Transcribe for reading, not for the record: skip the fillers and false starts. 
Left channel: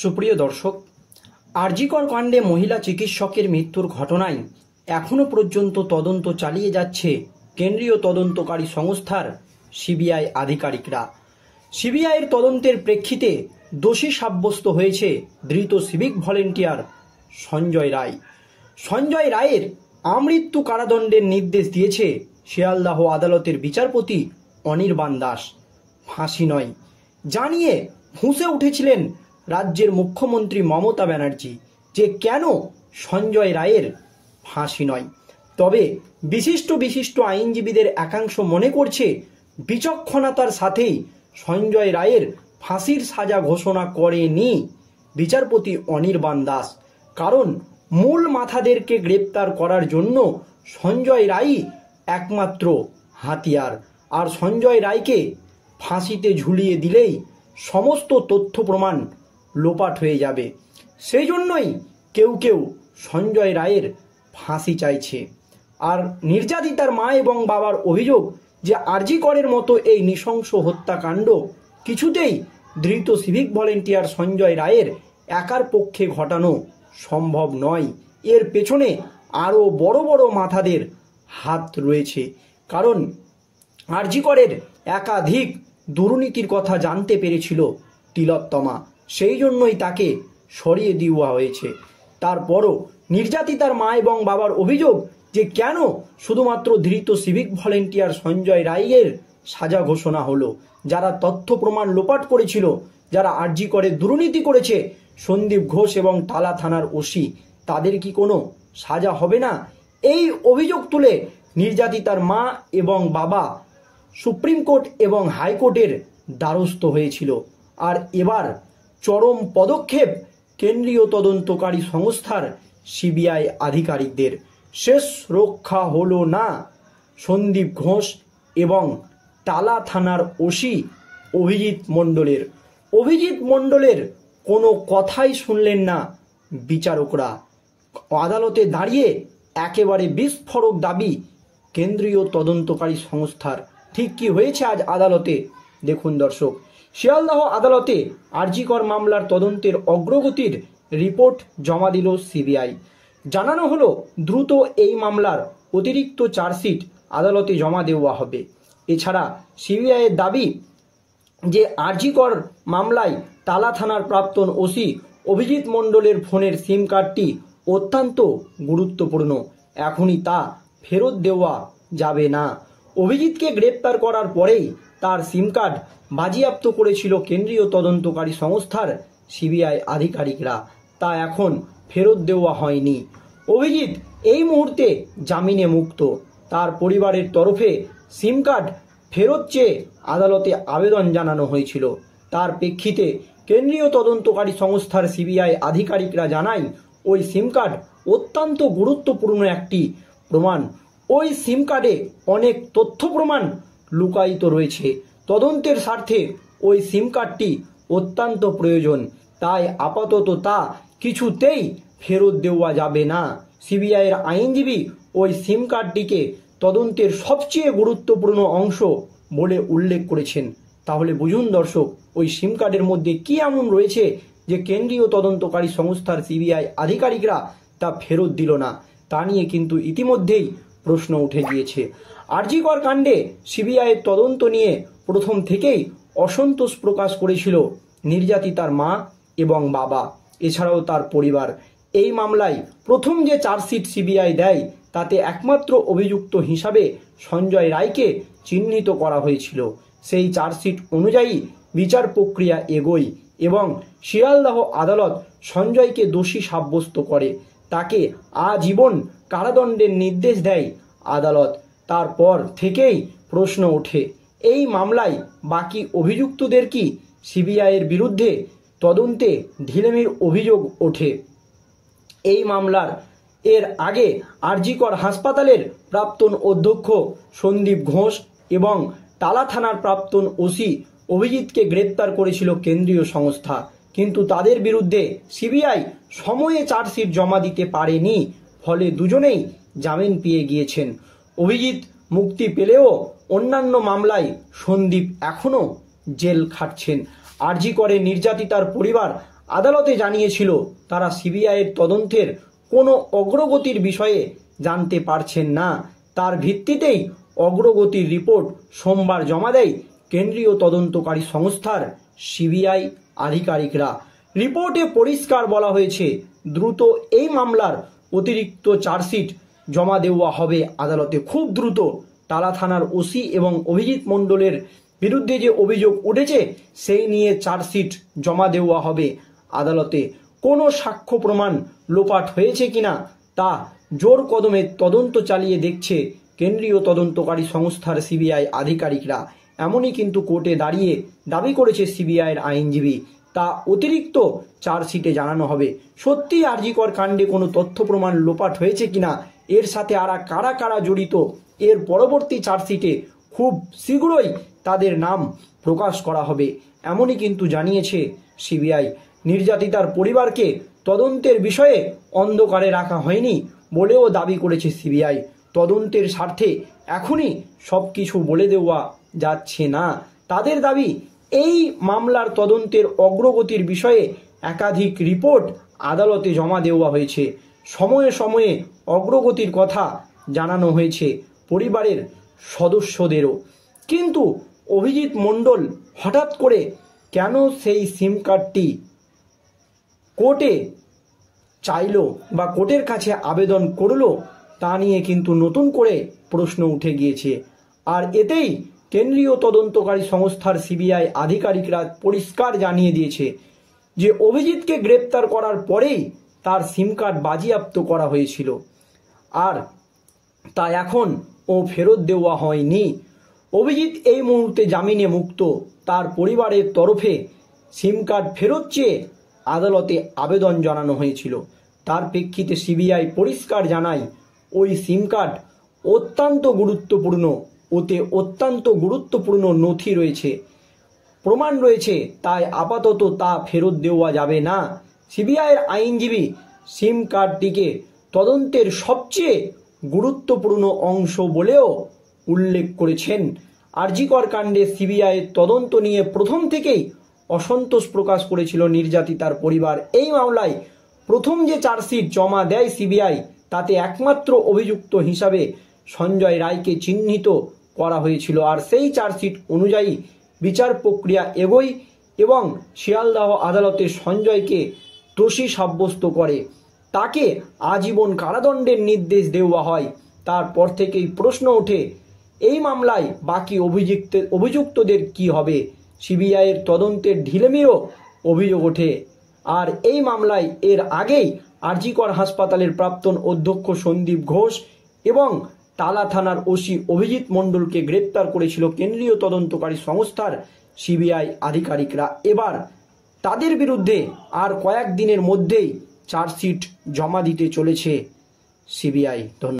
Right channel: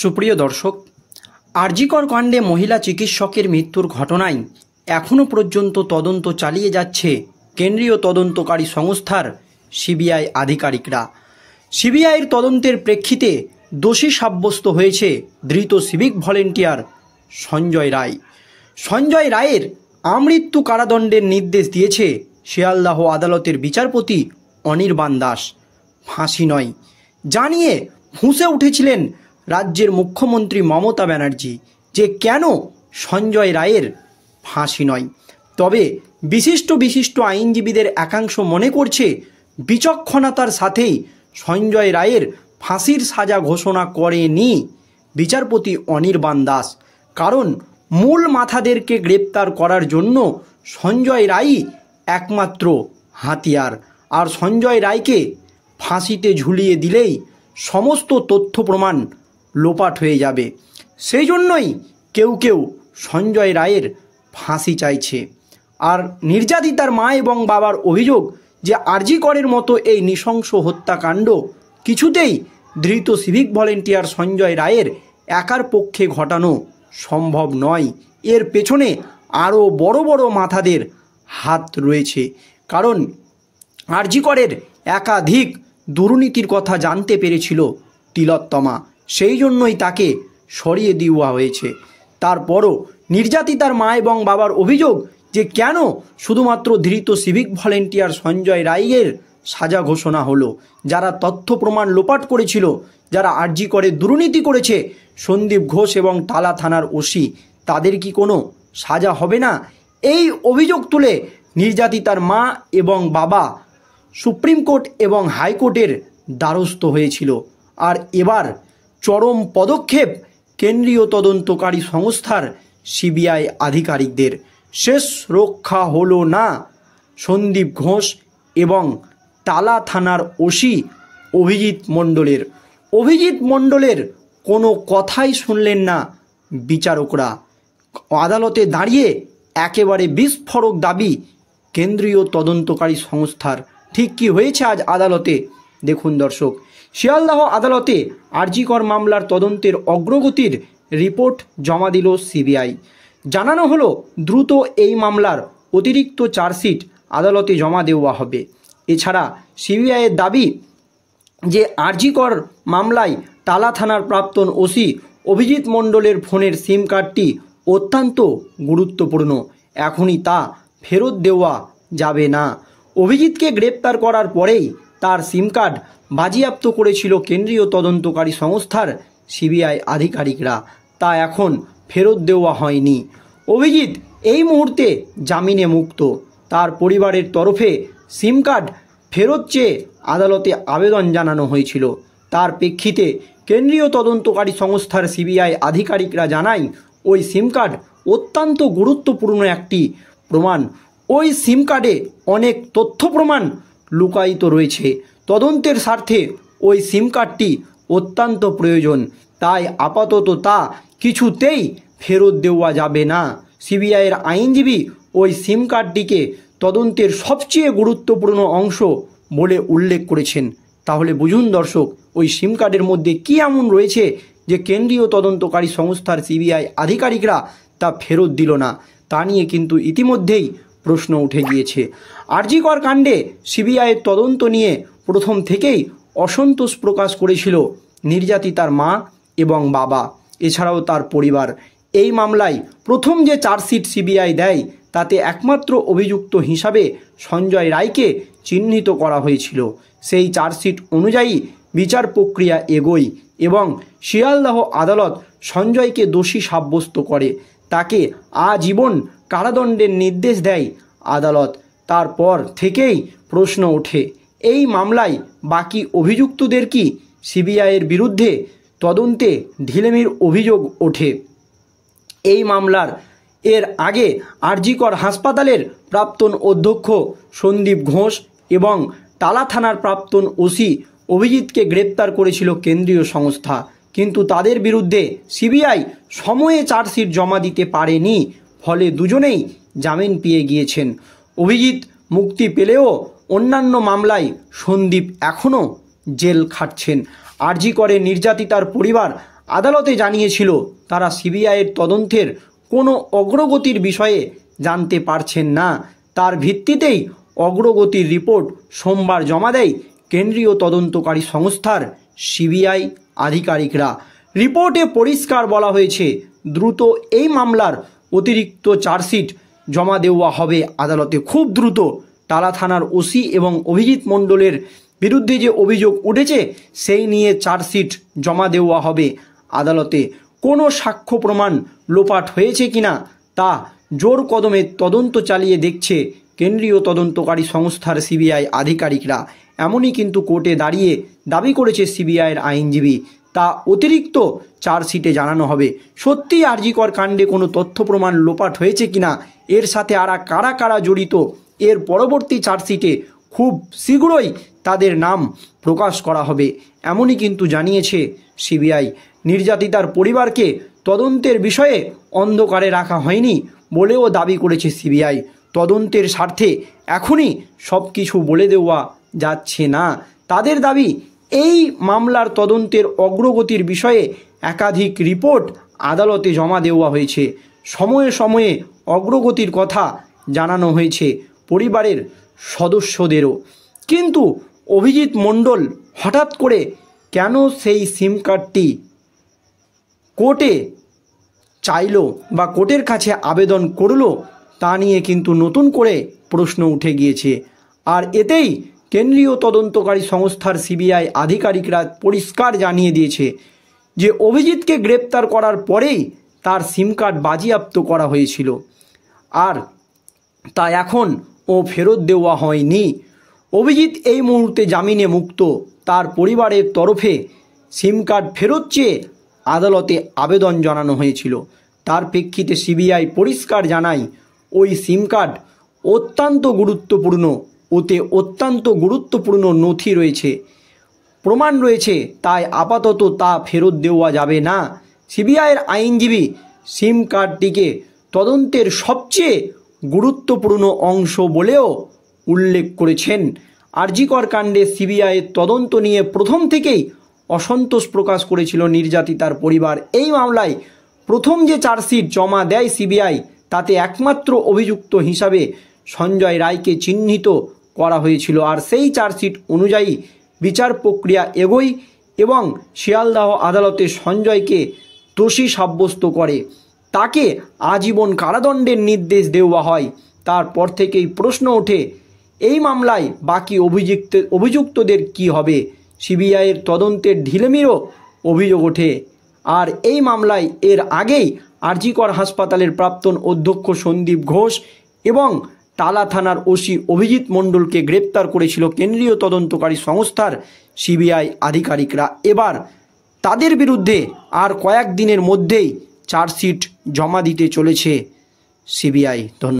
সুপ্রিয় দর্শক, আরজিকর কাণ্ডে মহিলা চিকিৎসকের মৃত্যুর ঘটনায় এখনও পর্যন্ত তদন্ত চালিয়ে যাচ্ছে কেন্দ্রীয় তদন্তকারী সংস্থার সিবিআই আধিকারিকরা। সিবিআইয়ের তদন্তের প্রেক্ষিতে দোষী সাব্যস্ত হয়েছে ধৃত সিভিক ভলেন্টিয়ার সঞ্জয় রায়। সঞ্জয় রায়ের আমৃত্যু কারাদণ্ডের নির্দেশ দিয়েছে শিয়ালদাহ আদালতের বিচারপতি অনির্বাণ দাস। ফাঁসি নয় জানিয়ে ফুঁসে উঠেছিলেন রাজ্যের মুখ্যমন্ত্রী মমতা ব্যানার্জি যে কেন সঞ্জয় রায়ের ফাঁসি নয়। তবে বিশিষ্ট আইনজীবীদের একাংশ মনে করছে বিচক্ষণতার সাথেই সঞ্জয় রায়ের ফাঁসির সাজা ঘোষণা করেনি বিচারপতি অনির্বাণ দাস। কারণ মূল মাথাদেরকে গ্রেপ্তার করার জন্য সঞ্জয় রায়ই একমাত্র হাতিয়ার, আর সঞ্জয় রায়কে ফাঁসিতে ঝুলিয়ে দিলেই সমস্ত তথ্য প্রমাণ লোপাট হয়ে যাবে। সেই জন্যই কেউ সঞ্জয় রায়ের ফাঁসি চাইছে। আর নির্যাতিতার মা এবং বাবার অভিযোগ যে আরজিকরের মতো এই নৃশংস হত্যাকাণ্ড কিছুতেই ধৃত সিভিক ভলেন্টিয়ার সঞ্জয় রায়ের একার পক্ষে ঘটানো সম্ভব নয়। এর পেছনে আরও বড় মাথাদের হাত রয়েছে। কারণ আরজিকরের একাধিক দুর্নীতির কথা জানতে পেরেছিল তিলোত্তমা, সেই জন্যই তাকে সরিয়ে দেওয়া হয়েছে। তারপরও নির্যাতিতার মা এবং বাবার অভিযোগ যে কেন শুধুমাত্র ধৃত সিভিক ভলেন্টিয়ার সঞ্জয় রায়ের সাজা ঘোষণা হলো। যারা তথ্য প্রমাণ লোপাট করেছিল, যারা আরজিকরে দুর্নীতি করেছে, সন্দীপ ঘোষ এবং টালা থানার ওসি, তাদের কি কোনো সাজা হবে না? এই অভিযোগ তুলে নির্যাতিতার মা এবং বাবা সুপ্রিম কোর্ট এবং হাইকোর্টের দ্বারস্থ হয়েছিল। আর এবার চরম পদক্ষেপ কেন্দ্রীয় তদন্তকারী সংস্থার সিবিআই আধিকারিকদের। শেষ রক্ষা হলো না সন্দীপ ঘোষ এবং টালা থানার ওসি অভিজিৎ মণ্ডলের কোনো কথাই শুনলেন না বিচারকরা। আদালতে দাঁড়িয়ে একেবারে বিস্ফোরক দাবি কেন্দ্রীয় তদন্তকারী সংস্থার। ঠিক কি হয়েছে আজ আদালতে দেখুন দর্শক। শিয়ালদাহ আদালতে আরজিকর মামলার তদন্তের অগ্রগতির রিপোর্ট জমা দিল সিবিআই। জানানো হলো দ্রুত এই মামলার অতিরিক্ত চার্জশিট আদালতে জমা দেওয়া হবে। এছাড়া সিবিআইয়ের দাবি যে আরজিকর মামলায় টালা থানার প্রাক্তন ওসি অভিজিৎ মণ্ডলের ফোনের সিম কার্ডটি অত্যন্ত গুরুত্বপূর্ণ। এখনই তা ফেরত দেওয়া যাবে না। অভিজিৎকে গ্রেপ্তার করার পরেই তার সিম কার্ড বাজেয়াপ্ত করেছিল কেন্দ্রীয় তদন্তকারী সংস্থার সিবিআই আধিকারিকরা, তা এখন ফেরত দেওয়া হয়নি। অভিজিৎ এই মুহূর্তে জামিনে মুক্ত। তার পরিবারের তরফে সিম কার্ড ফেরত চেয়ে আদালতে আবেদন জানানো হয়েছিল। তার প্রেক্ষিতে কেন্দ্রীয় তদন্তকারী সংস্থার সিবিআই আধিকারিকরা জানায় ওই সিম কার্ড অত্যন্ত গুরুত্বপূর্ণ একটি প্রমাণ। ওই সিম কার্ডে অনেক তথ্য প্রমাণ লুকায়িত রয়েছে। তদন্তের স্বার্থে ওই সিম কার্ডটি অত্যন্ত প্রয়োজন, তাই আপাতত তা কিছুতেই ফেরত দেওয়া যাবে না। সিবিআইয়ের আইনজীবী ওই সিম কার্ডটিকে তদন্তের সবচেয়ে গুরুত্বপূর্ণ অংশ বলে উল্লেখ করেছেন। তাহলে বুঝুন দর্শক, ওই সিম কার্ডের মধ্যে কী এমন রয়েছে যে কেন্দ্রীয় তদন্তকারী সংস্থার সিবিআই আধিকারিকরা তা ফেরত দিল না। তা নিয়ে কিন্তু ইতিমধ্যেই প্রশ্ন উঠে গিয়েছে। আরজিকর কাণ্ডে সিবিআইয়ের তদন্ত নিয়ে প্রথম থেকেই অসন্তোষ প্রকাশ করেছিল নির্যাতিতার মা এবং বাবা, এছাড়াও তার পরিবার। এই মামলায় প্রথম যে চার্জশিট সিবিআই দেয় তাতে একমাত্র অভিযুক্ত হিসাবে সঞ্জয় রায়কে চিহ্নিত করা হয়েছিল। সেই চার্জশিট অনুযায়ী বিচার প্রক্রিয়া এগোয় এবং শিয়ালদাহ আদালত সঞ্জয়কে দোষী সাব্যস্ত করে। তাকে আজীবন কারাদণ্ডের নির্দেশ দেয় আদালত। তারপর থেকেই প্রশ্ন ওঠে এই মামলায় বাকি অভিযুক্তদের কি সিবিআইয়ের বিরুদ্ধে তদন্তে ঢিলেমির অভিযোগ ওঠে। এই মামলার এর আগে আরজিকর হাসপাতালের প্রাক্তন অধ্যক্ষ সন্দীপ ঘোষ এবং টালা থানার প্রাক্তন ওসি অভিজিৎকে গ্রেপ্তার করেছিল কেন্দ্রীয় সংস্থা, কিন্তু তাদের বিরুদ্ধে সিবিআই সময়ে চার্জশিট জমা দিতে পারেনি। ফলে দুজনেই জামিন পেয়ে গিয়েছেন। অভিজিৎ মুক্তি পেলেও অন্যান্য মামলায় সন্দীপ এখনও জেল খাটছেন। আরজিকরে নির্যাতিতার পরিবার আদালতে জানিয়েছিল তারা সিবিআইয়ের তদন্তের কোনো অগ্রগতির বিষয়ে জানতে পারছেন না। তার ভিত্তিতেই অগ্রগতির রিপোর্ট সোমবার জমা দেয় কেন্দ্রীয় তদন্তকারী সংস্থার সিবিআই আধিকারিকরা। রিপোর্টে পরিষ্কার বলা হয়েছে, দ্রুত এই মামলার অতিরিক্ত চার্জশিট জমা দেওয়া হবে আদালতে, খুব দ্রুত। টালা থানার ওসি এবং অভিজিৎ মণ্ডলের বিরুদ্ধে যে অভিযোগ উঠেছে সেই নিয়ে চার্জশিট জমা দেওয়া হবে আদালতে। কোনো সাক্ষ্য প্রমাণ লোপাট হয়েছে কিনা তা জোর কদমে তদন্ত চালিয়ে দেখছে কেন্দ্রীয় তদন্তকারী সংস্থার সিবিআই আধিকারিকরা। এমনই কিন্তু কোর্টে দাঁড়িয়ে দাবি করেছে সিবিআইয়ের আইনজীবী। তা অতিরিক্ত চার্জশিটে জানানো হবে। সত্যিই আরজি কর কাণ্ডে কোনো তথ্য প্রমাণ লোপাট হয়েছে কিনা, এর সাথে আর কারা কারা জড়িত, এর পরবর্তী চার্জশিটে খুব শীঘ্রই তাদের নাম প্রকাশ করা হবে, এমনই কিন্তু জানিয়েছে সিবিআই। নির্যাতিতার পরিবারকে তদন্তের বিষয়ে অন্ধকারে রাখা হয়নি বলেও দাবি করেছে সিবিআই। তদন্তের স্বার্থে এখনই সব কিছু বলে দেওয়া যাচ্ছে না। তাদের দাবি, এই মামলার তদন্তের অগ্রগতির বিষয়ে একাধিক রিপোর্ট আদালতে জমা দেওয়া হয়েছে। সময়ে সময়ে অগ্রগতির কথা জানানো হয়েছে পরিবারের সদস্যদেরও। কিন্তু অভিজিৎ মণ্ডল হঠাৎ করে কেন সেই সিম কার্ডটি কোর্টে চাইলো বা কোর্টের কাছে আবেদন করলো, তা নিয়ে কিন্তু নতুন করে প্রশ্ন উঠে গিয়েছে। আর এতেই কেন্দ্রীয় তদন্তকারী সংস্থার সিবিআই আধিকারিকরা পরিষ্কার জানিয়ে দিয়েছে যে অভিজিৎকে গ্রেপ্তার করার পরেই তার সিম কার্ড বাজেয়াপ্ত করা হয়েছিল, আর তা এখন ও ফেরত দেওয়া হয়নি। অভিজিৎ এই মুহূর্তে জামিনে মুক্ত। তার পরিবারের তরফে সিম কার্ড ফেরত চেয়ে আদালতে আবেদন জানানো হয়েছিল। তার প্রেক্ষিতে সিবিআই পরিষ্কার জানায়, ওই সিম কার্ড অত্যন্ত গুরুত্বপূর্ণ, ওতে অত্যন্ত গুরুত্বপূর্ণ নথি রয়েছে, প্রমাণ রয়েছে, তাই আপাতত তা ফেরত দেওয়া যাবে না। সিবিআইয়ের আইনজীবী সিম কার্ডটিকে তদন্তের সবচেয়ে গুরুত্বপূর্ণ অংশ বলেও উল্লেখ করেছেন। আরজি কর কাণ্ডে সিবিআইয়ের তদন্ত নিয়ে প্রথম থেকেই অসন্তোষ প্রকাশ করেছিল নির্যাতিতার পরিবার। এই মামলায় প্রথম যে চার্জশিট জমা দেয় সিবিআই, তাতে একমাত্র অভিযুক্ত হিসাবে সঞ্জয় রায়কে চিহ্নিত করা হয়েছিল। আর সেই চার্জশিট অনুযায়ী বিচার প্রক্রিয়া এগোয় এবং শিয়ালদহ আদালতে সঞ্জয়কে দোষী সাব্যস্ত করে তাকে আজীবন কারাদণ্ডের নির্দেশ দেওয়া হয়। তারপর থেকেই প্রশ্ন ওঠে, এই মামলায় বাকি অভিযুক্তদের কি হবে। সিবিআইয়ের তদন্তের ঢিলেমিরও অভিযোগ ওঠে। আর এই মামলায় এর আগেই আরজি কর হাসপাতালের প্রাক্তন অধ্যক্ষ সন্দীপ ঘোষ এবং টালা থানার ওসি অভিজিৎ মণ্ডলকে গ্রেপ্তার করেছিল কেন্দ্রীয় তদন্তকারী সংস্থার সিবিআই আধিকারিকরা। এবার তাদের বিরুদ্ধে আর কয়েকদিনের মধ্যেই চার্জশিট জমা দিতে চলেছে সিবিআই। ধন্যবাদ।